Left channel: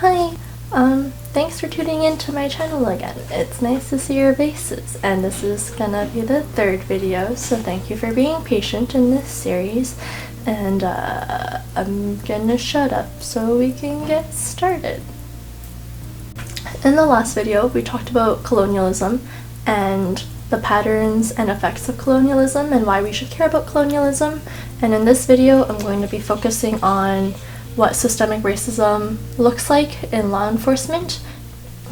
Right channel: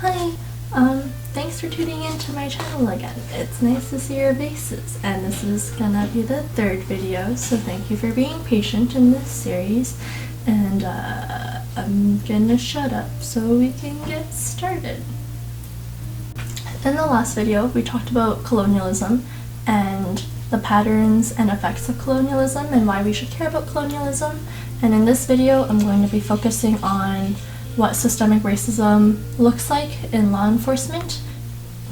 Hi, thanks for tuning into my channel again. It's nice to see your faces, and this is gonna be the third video, so thank you for being patient in this series, and I'm gonna shut up so we can get started. In the last video, we talked about colonialism and the patterns and effects of colonialism and why we should care about colonialism, and in this video I'm going to be focusing on what systemic racism looks like in law enforcement.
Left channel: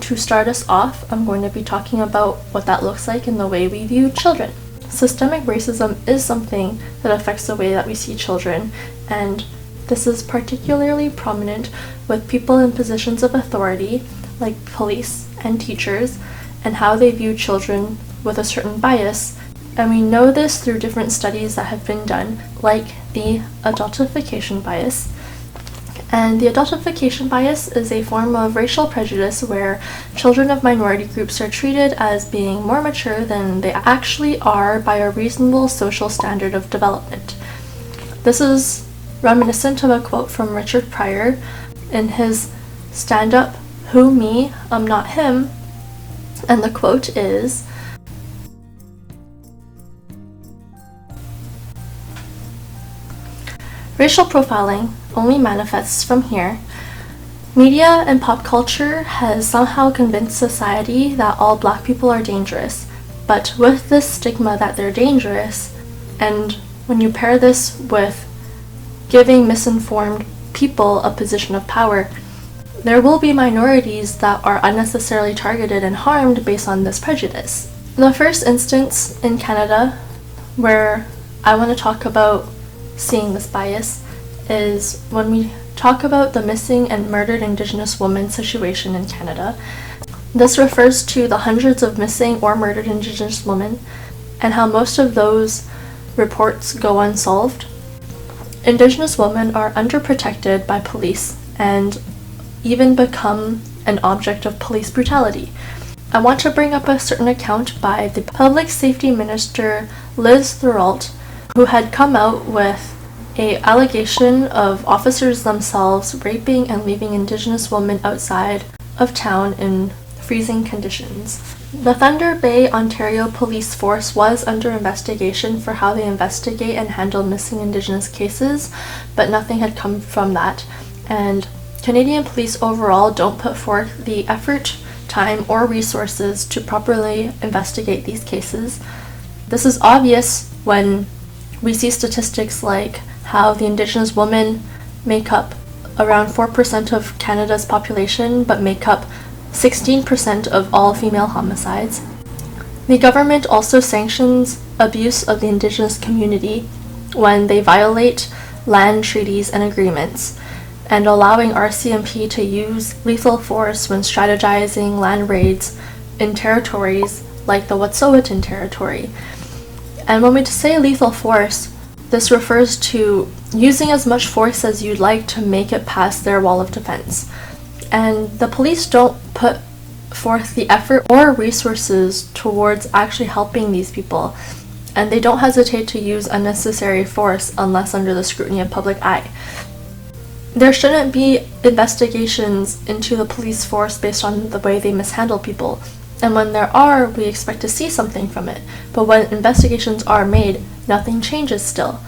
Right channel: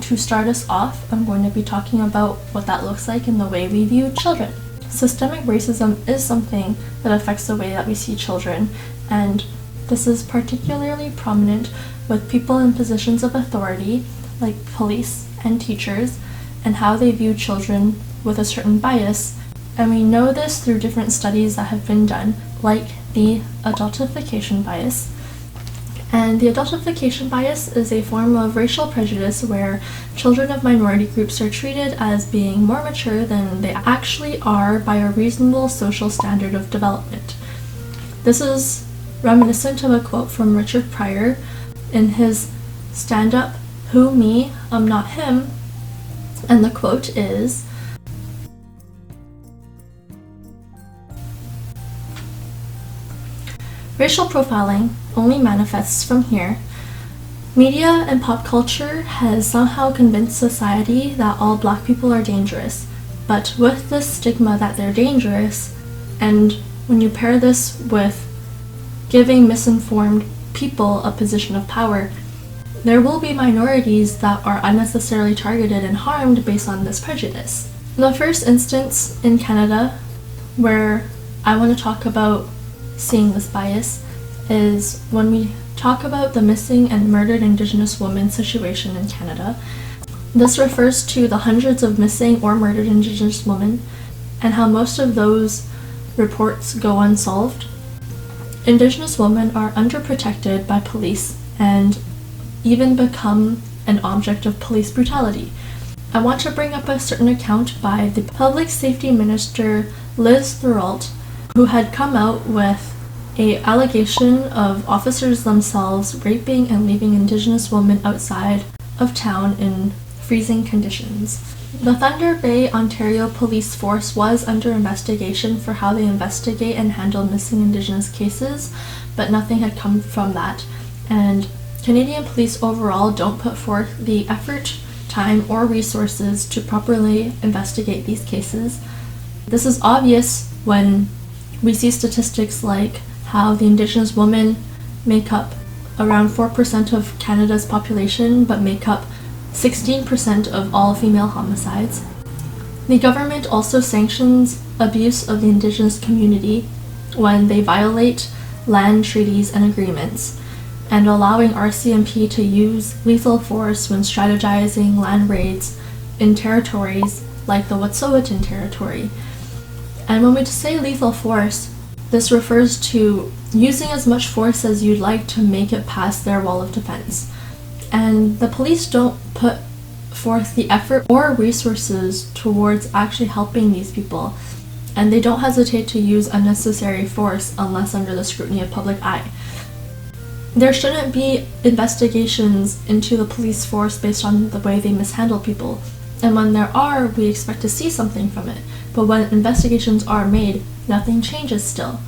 To start us off, I'm going to be talking about what that looks like in the way we view children. Systemic racism is something that affects the way that we see children, and this is particularly prominent with people in positions of authority like police and teachers, and how they view children with a certain bias. And we know this through different studies that have been done, like the adultification bias. And the adultification bias is a form of racial prejudice where children of minority groups are treated as being more mature than they actually are by a reasonable social standard of development. This is reminiscent of a quote from Richard Pryor in his stand-up, "Who Me? I'm Not Him," and the quote is, "Racial profiling only manifests from here. Media and pop culture has somehow convinced society that all Black people are dangerous, but with this stigma that they're dangerous, and when you pair this with giving misinformed people a position of power, there will be minorities that are unnecessarily targeted and harmed based on this prejudice." The first instance in Canada where I want to talk about seeing this bias is when we talk about the missing and murdered Indigenous women situation in Canada. This refers to the hundreds of missing or murdered Indigenous women and how most of those reports go unsolved. Indigenous women are underprotected by police and even become an object of police brutality. I want to bring up a certain account by the Public Safety Minister Liz Throult, who had come out with an allegation of officers themselves raping and leaving Indigenous women outside of town in freezing conditions. The Thunder Bay, Ontario Police Force was under investigation for how they investigate and handle missing Indigenous cases, but nothing had come from that, and Canadian police overall don't put forth the effort, time, or resources to properly investigate these cases. This is obvious when we see statistics like how the Indigenous women make up around 4% of Canada's population but make up 16% of all female homicides. The government also sanctions abuse of the Indigenous community when they violate land treaties and agreements, and allowing RCMP to use lethal force when strategizing land raids in territories like the Wet'suwet'en territory. And when we say lethal force, this refers to using as much force as you'd like to make it past their wall of defense. And the police don't put forth the effort or resources towards actually helping these people, and they don't hesitate to use unnecessary force unless under the scrutiny of public eye. There shouldn't be investigations into the police force based on the way they mishandle people. And when there are, we expect to see something from it. But when investigations are made, nothing changes still.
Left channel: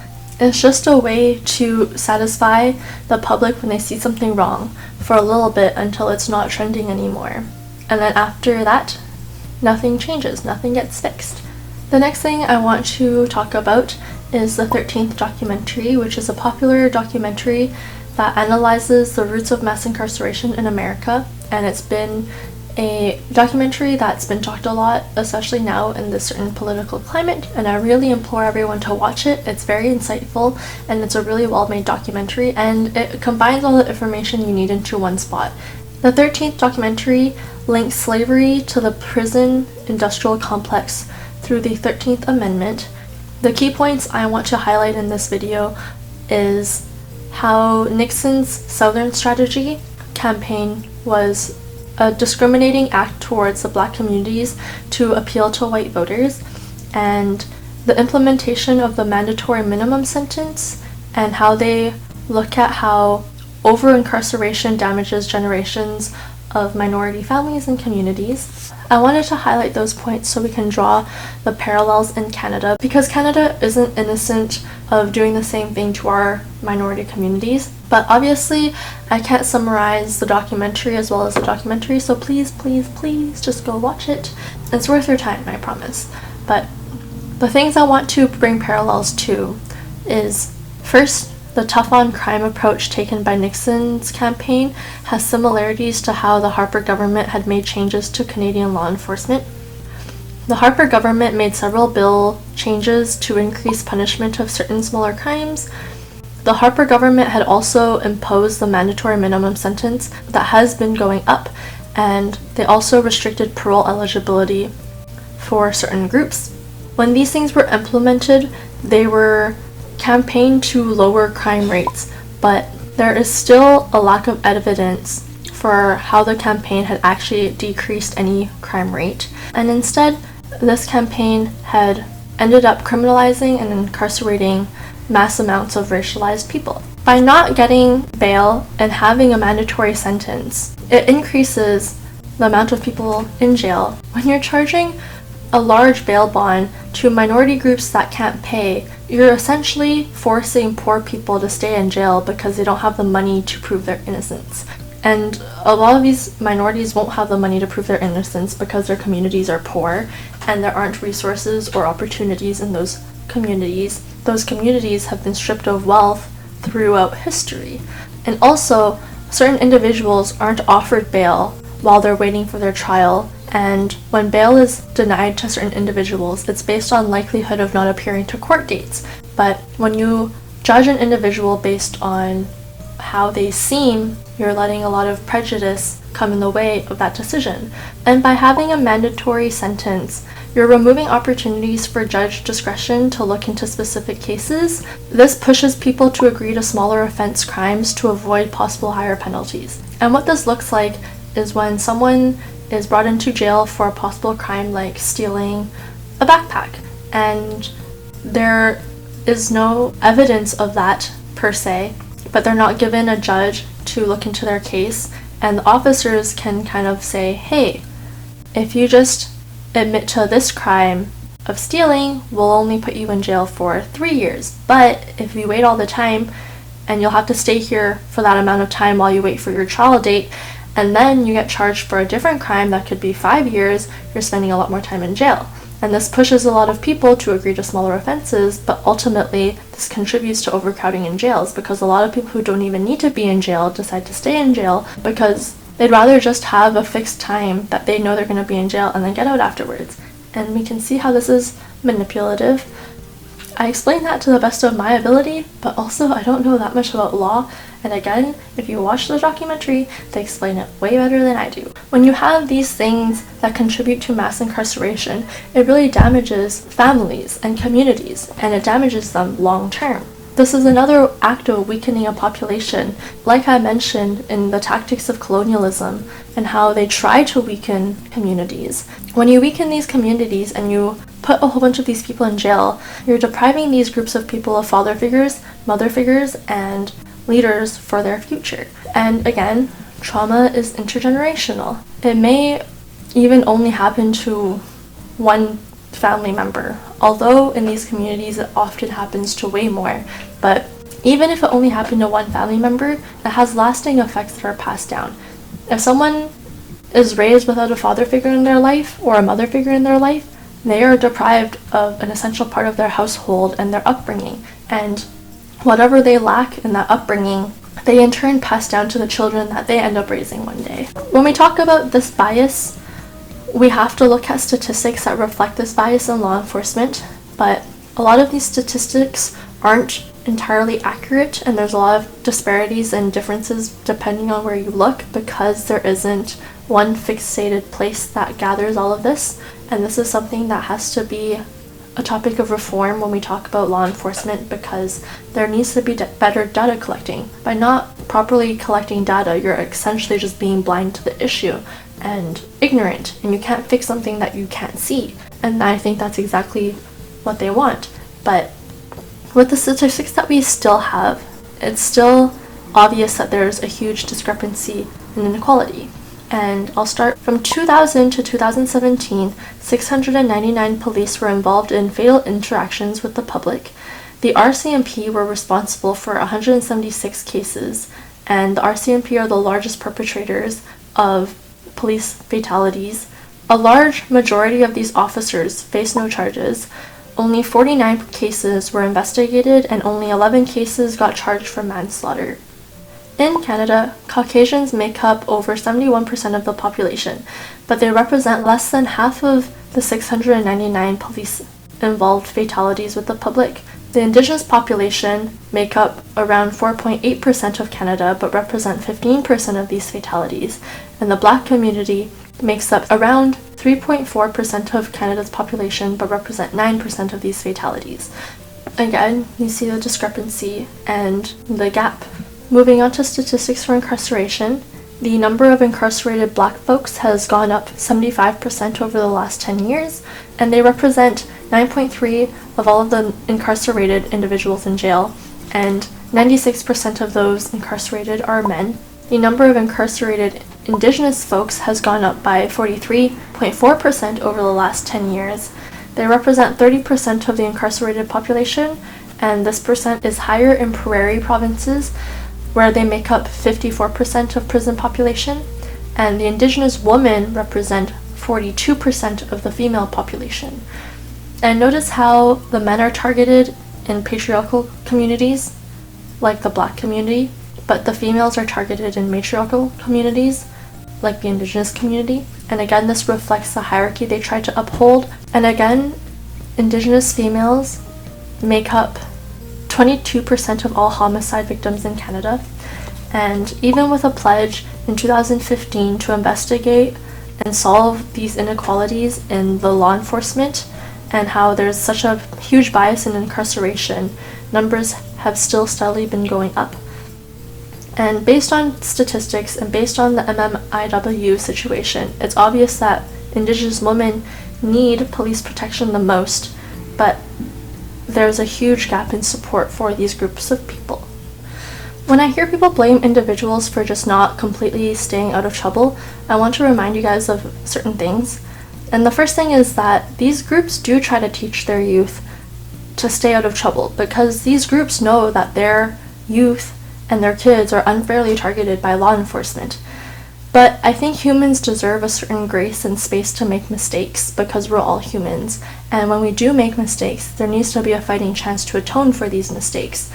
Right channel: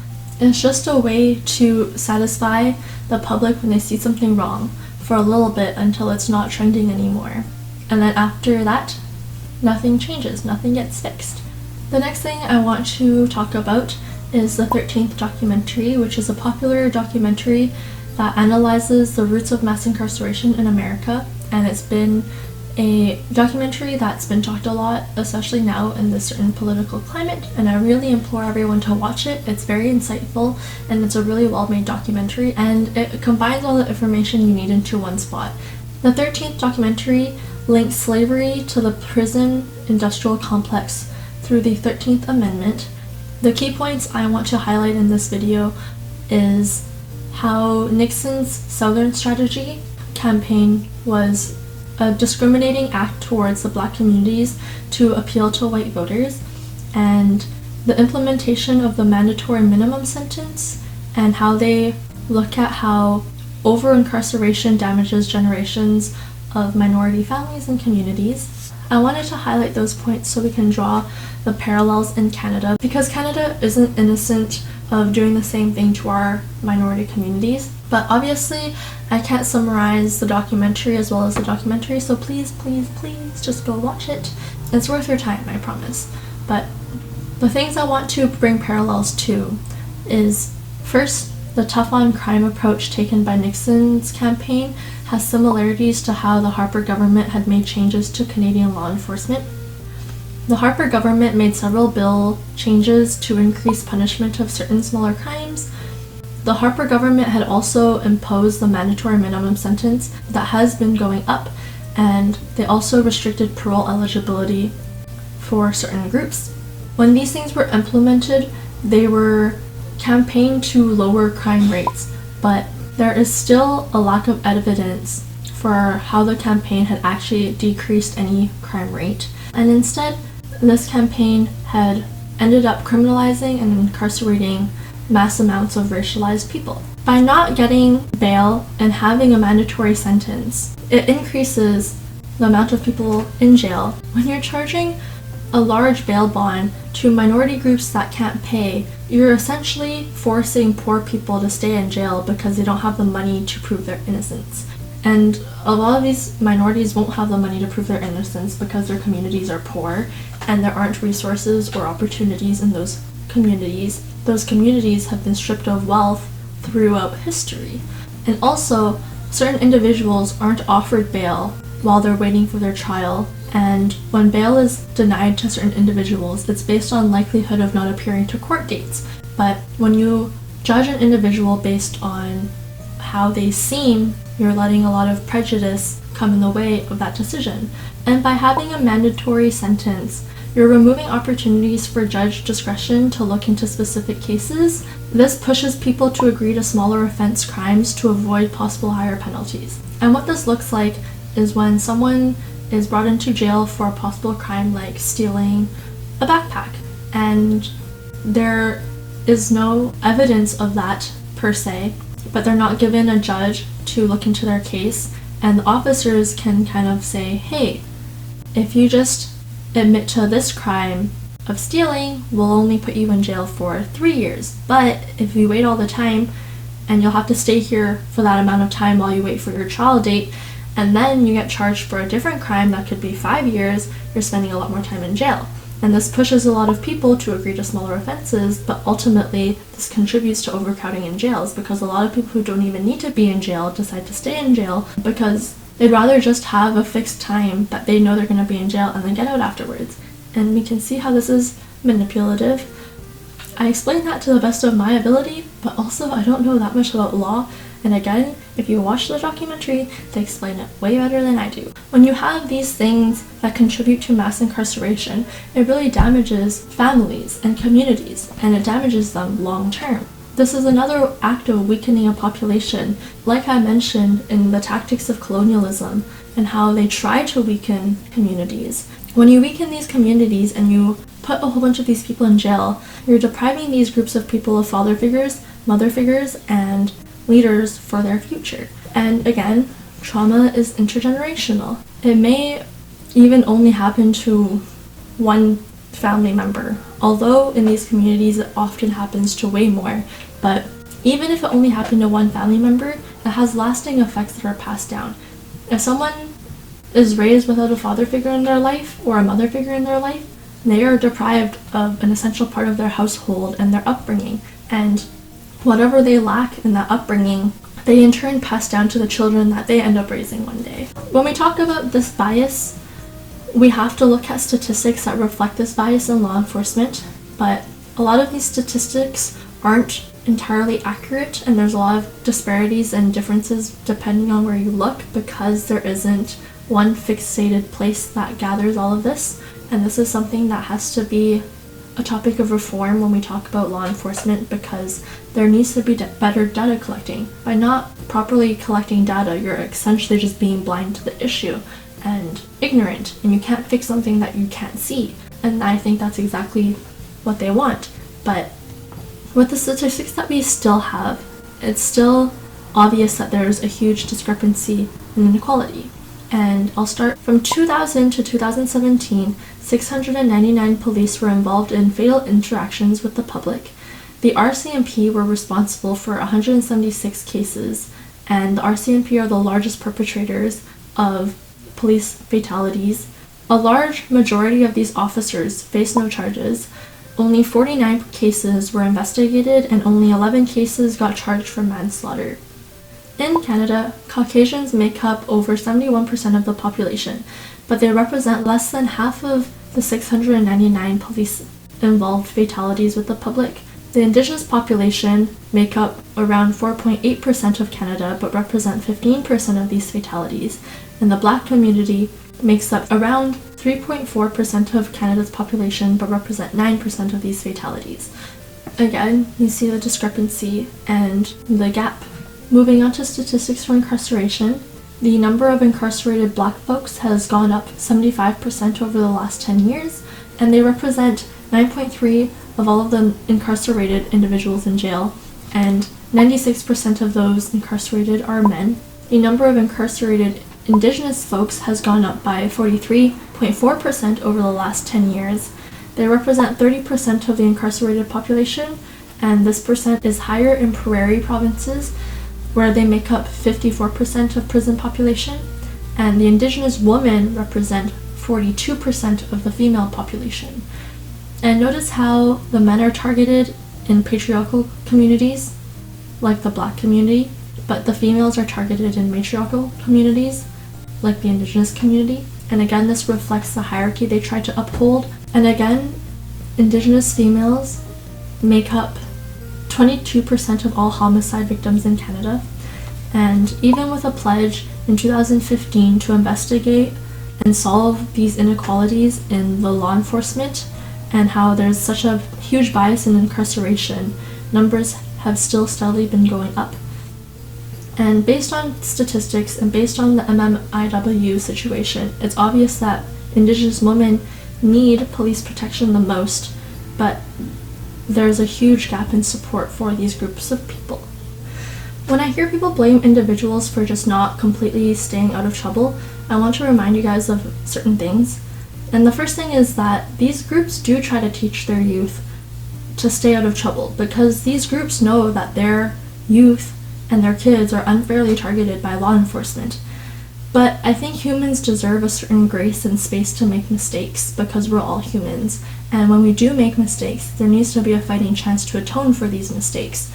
It's just a way to satisfy the public when they see something wrong for a little bit until it's not trending anymore. And then after that, nothing changes, nothing gets fixed. The next thing I want to talk about is the 13th documentary, which is a popular documentary that analyzes the roots of mass incarceration in America, and it's been a documentary that's been talked a lot, especially now in this certain political climate, and I really implore everyone to watch it. It's very insightful, and it's a really well-made documentary, and it combines all the information you need into one spot. The 13th documentary links slavery to the prison industrial complex through the 13th Amendment. The key points I want to highlight in this video is how Nixon's Southern Strategy campaign was a discriminating act towards the Black communities to appeal to white voters, and the implementation of the mandatory minimum sentence, and how they look at how over-incarceration damages generations of minority families and communities. I wanted to highlight those points so we can draw the parallels in Canada, because Canada isn't innocent of doing the same thing to our minority communities. But obviously, I can't summarize the documentary as well as the documentary, so please, please, please just go watch it. It's worth your time, I promise. But the things I want to bring parallels to is, first, the tough-on-crime approach taken by Nixon's campaign has similarities to how the Harper government had made changes to Canadian law enforcement. The Harper government made several bill changes to increase punishment of certain smaller crimes. The Harper government had also imposed the mandatory minimum sentence that has been going up, and they also restricted parole eligibility for certain groups. When these things were implemented, they were campaigned to lower crime rates, but there is still a lack of evidence for how the campaign had actually decreased any crime rate. And instead, this campaign had ended up criminalizing and incarcerating mass amounts of racialized people. By not getting bail and having a mandatory sentence, it increases the amount of people in jail. When you're charging a large bail bond to minority groups that can't pay, you're essentially forcing poor people to stay in jail because they don't have the money to prove their innocence. And a lot of these minorities won't have the money to prove their innocence because their communities are poor and there aren't resources or opportunities in those communities. Those communities have been stripped of wealth throughout history. And also, certain individuals aren't offered bail while they're waiting for their trial, and when bail is denied to certain individuals, it's based on likelihood of not appearing to court dates. But when you judge an individual based on how they seem, you're letting a lot of prejudice come in the way of that decision. And by having a mandatory sentence, you're removing opportunities for judge discretion to look into specific cases. This pushes people to agree to smaller offense crimes to avoid possible higher penalties. And what this looks like is when someone is brought into jail for a possible crime like stealing a backpack, and there is no evidence of that per se, but they're not given a judge to look into their case, and the officers can kind of say, hey, if you just admit to this crime of stealing, we'll only put you in jail for 3 years, but if you wait all the time, and you'll have to stay here for that amount of time while you wait for your trial date, and then you get charged for a different crime that could be 5 years, you're spending a lot more time in jail. And this pushes a lot of people to agree to smaller offenses, but ultimately this contributes to overcrowding in jails, because a lot of people who don't even need to be in jail decide to stay in jail because they'd rather just have a fixed time that they know they're going to be in jail and then get out afterwards. And we can see how this is manipulative. I explained that to the best of my ability, but also I don't know that much about law. And again, if you watch the documentary, they explain it way better than I do. When you have these things that contribute to mass incarceration, it really damages families and communities, and it damages them long term. This is another act of weakening a population, like I mentioned in the tactics of colonialism and how they try to weaken communities. When you weaken these communities and you put a whole bunch of these people in jail, you're depriving these groups of people of father figures, mother figures, and leaders for their future. And again, trauma is intergenerational. It may even only happen to one family member, although in these communities it often happens to way more. But even if it only happened to one family member, it has lasting effects that are passed down. If someone is raised without a father figure in their life or a mother figure in their life, they are deprived of an essential part of their household and their upbringing. And whatever they lack in that upbringing, they in turn pass down to the children that they end up raising one day. When we talk about this bias, we have to look at statistics that reflect this bias in law enforcement, but a lot of these statistics aren't entirely accurate, and there's a lot of disparities and differences depending on where you look, because there isn't one fixated place that gathers all of this, and this is something that has to be a topic of reform when we talk about law enforcement, because there needs to be better data collecting. By not properly collecting data, you're essentially just being blind to the issue and ignorant, and you can't fix something that you can't see. And I think that's exactly what they want. But with the statistics that we still have, it's still obvious that there's a huge discrepancy in inequality. And I'll start from 2000 to 2017, 699 police were involved in fatal interactions with the public. The RCMP were responsible for 176 cases, and the RCMP are the largest perpetrators of police fatalities. A large majority of these officers face no charges. Only 49 cases were investigated, and only 11 cases got charged for manslaughter. In Canada, Caucasians make up over 71% of the population, but they represent less than half of the 699 police-involved fatalities with the public. The Indigenous population make up around 4.8% of Canada, but represent 15% of these fatalities, and the Black community makes up around 3.4% of Canada's population, but represent 9% of these fatalities. Again, you see the discrepancy and the gap. Moving on to statistics for incarceration, the number of incarcerated Black folks has gone up 75% over the last 10 years, and they represent 9.3% of all of the incarcerated individuals in jail, and 96% of those incarcerated are men. The number of incarcerated Indigenous folks has gone up by 43.4% over the last 10 years. They represent 30% of the incarcerated population, and this percent is higher in prairie provinces, where they make up 54% of prison population, and the Indigenous women represent 42% of the female population. And notice how the men are targeted in patriarchal communities, like the Black community, but the females are targeted in matriarchal communities, like the Indigenous community. And again, this reflects the hierarchy they try to uphold. And again, Indigenous females make up 22% of all homicide victims in Canada. And even with a pledge in 2015 to investigate and solve these inequalities in the law enforcement, and how there's such a huge bias in incarceration, numbers have still steadily been going up. And based on statistics and based on the MMIW situation, it's obvious that Indigenous women need police protection the most, but there's a huge gap in support for these groups of people. When I hear people blame individuals for just not completely staying out of trouble, I want to remind you guys of certain things. And the first thing is that these groups do try to teach their youth to stay out of trouble, because these groups know that their youth and their kids are unfairly targeted by law enforcement. But I think humans deserve a certain grace and space to make mistakes, because we're all humans. And when we do make mistakes, there needs to be a fighting chance to atone for these mistakes.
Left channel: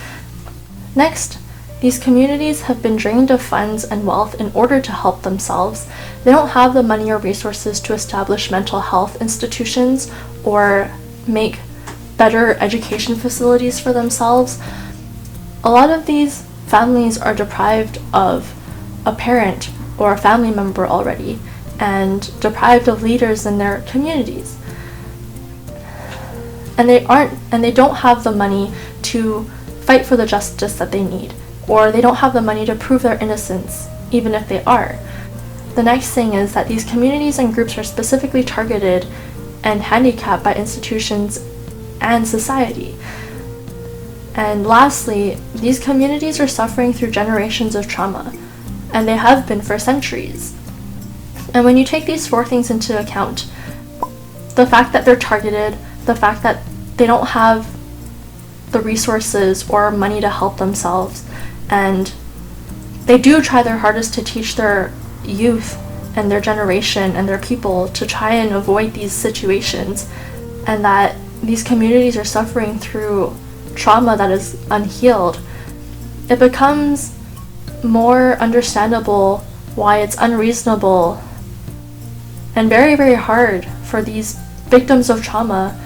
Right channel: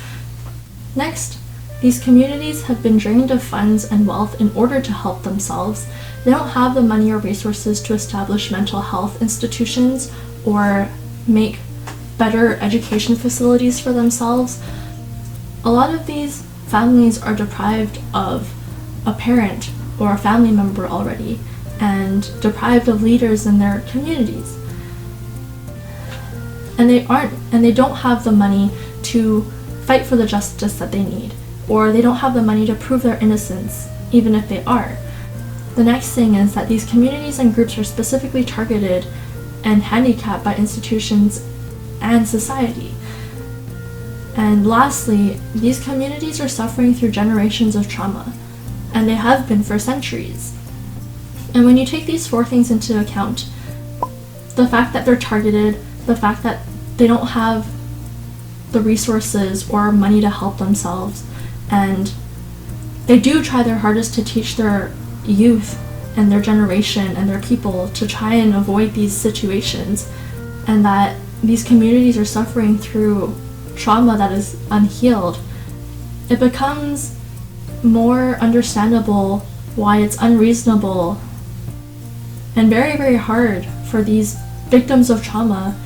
Next, these communities have been drained of funds and wealth in order to help themselves. They don't have the money or resources to establish mental health institutions or make better education facilities for themselves. A lot of these families are deprived of a parent or a family member already, and deprived of leaders in their communities. And they don't have the money to fight for the justice that they need, or they don't have the money to prove their innocence, even if they are. The next thing is that these communities and groups are specifically targeted and handicapped by institutions and society. And lastly, these communities are suffering through generations of trauma, and they have been for centuries. And when you take these four things into account, the fact that they're targeted, the fact that they don't have the resources or money to help themselves, and they do try their hardest to teach their youth and their generation and their people to try and avoid these situations, and that these communities are suffering through trauma that is unhealed, it becomes more understandable why it's unreasonable and very, very hard for these victims of trauma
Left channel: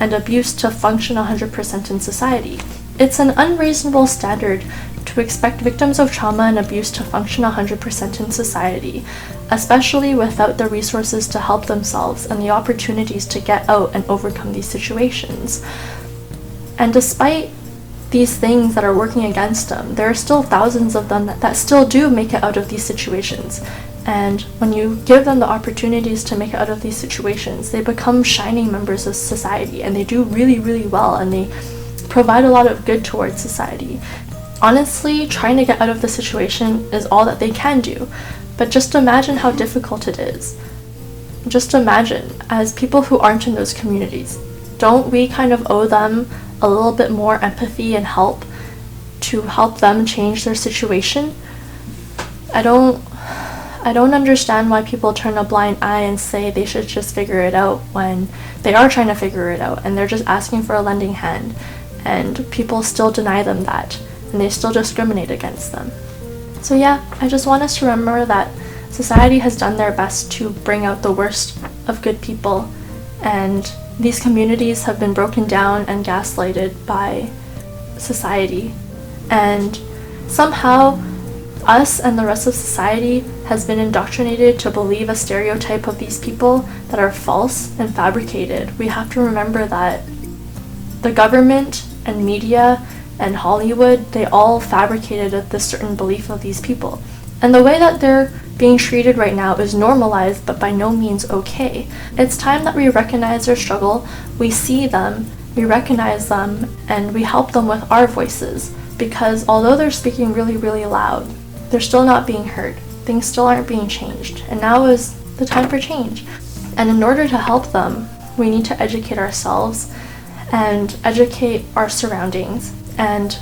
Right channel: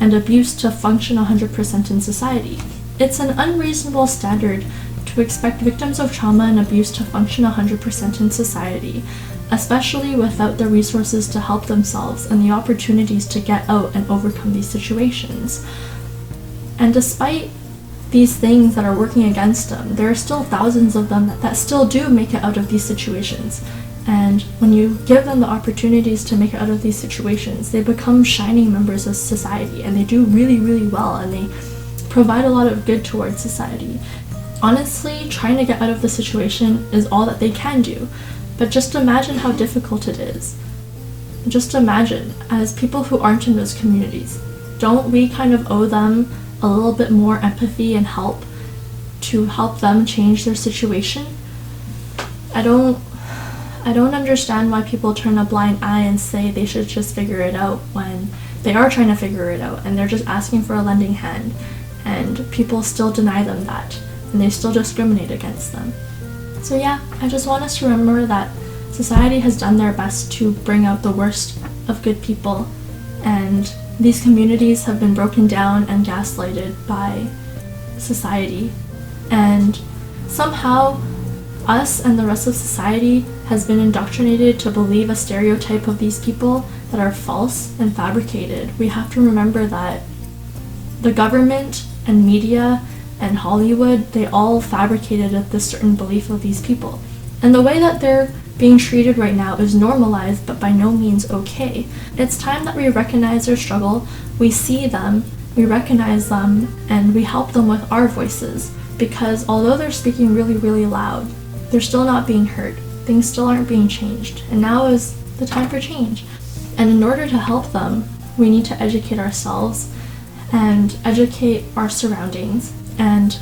and abuse to function 100% in society. It's an unreasonable standard to expect victims of trauma and abuse to function 100% in society, especially without the resources to help themselves and the opportunities to get out and overcome these situations. And despite these things that are working against them, there are still thousands of them that still do make it out of these situations. And when you give them the opportunities to make it out of these situations, they become shining members of society, and they do really, really well, and they provide a lot of good towards society. Honestly, trying to get out of the situation is all that they can do, but just imagine how difficult it is. Just imagine, as people who aren't in those communities, don't we kind of owe them a little bit more empathy and help to help them change their situation? I don't understand why people turn a blind eye and say they should just figure it out when they are trying to figure it out and they're just asking for a lending hand, and people still deny them that, and they still discriminate against them. So yeah, I just want us to remember that society has done their best to bring out the worst of good people, and these communities have been broken down and gaslighted by society, and somehow us and the rest of society has been indoctrinated to believe a stereotype of these people that are false and fabricated. We have to remember that the government and media and Hollywood, they all fabricated this certain belief of these people. And the way that they're being treated right now is normalized, but by no means okay. It's time that we recognize their struggle, we see them, we recognize them, and we help them with our voices. Because although they're speaking really, really loud, they're still not being heard. Things still aren't being changed. And now is the time for change. And in order to help them, we need to educate ourselves and educate our surroundings. And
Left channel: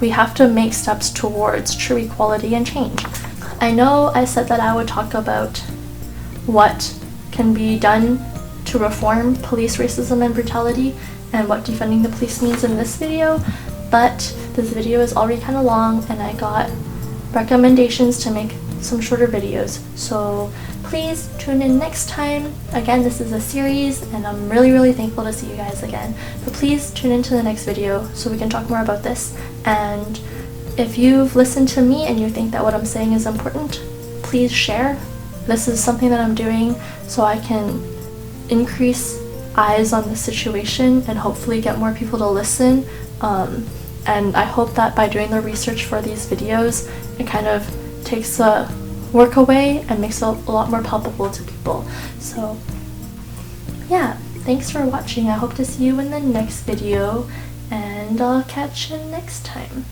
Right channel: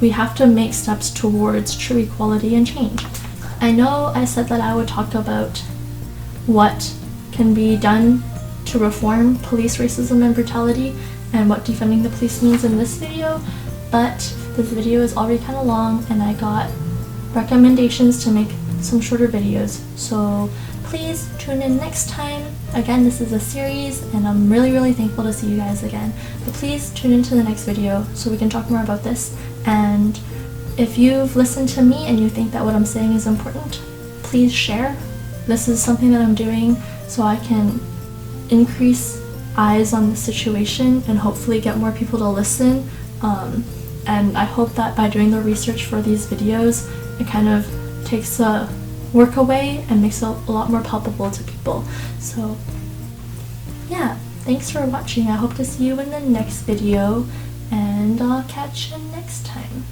we have to make steps towards true equality and change. I know I said that I would talk about what can be done to reform police racism and brutality and what defunding the police means in this video, but this video is already kind of long and I got recommendations to make some shorter videos, so please tune in next time. Again, this is a series and I'm really, really thankful to see you guys again, but please tune into the next video so we can talk more about this. And if you've listened to me and you think that what I'm saying is important, please share. This is something that I'm doing so I can increase eyes on the situation and hopefully get more people to listen. And I hope that by doing the research for these videos, it kind of takes the work away and makes it a lot more palpable to people. So yeah, thanks for watching. I hope to see you in the next video, and I'll catch you next time.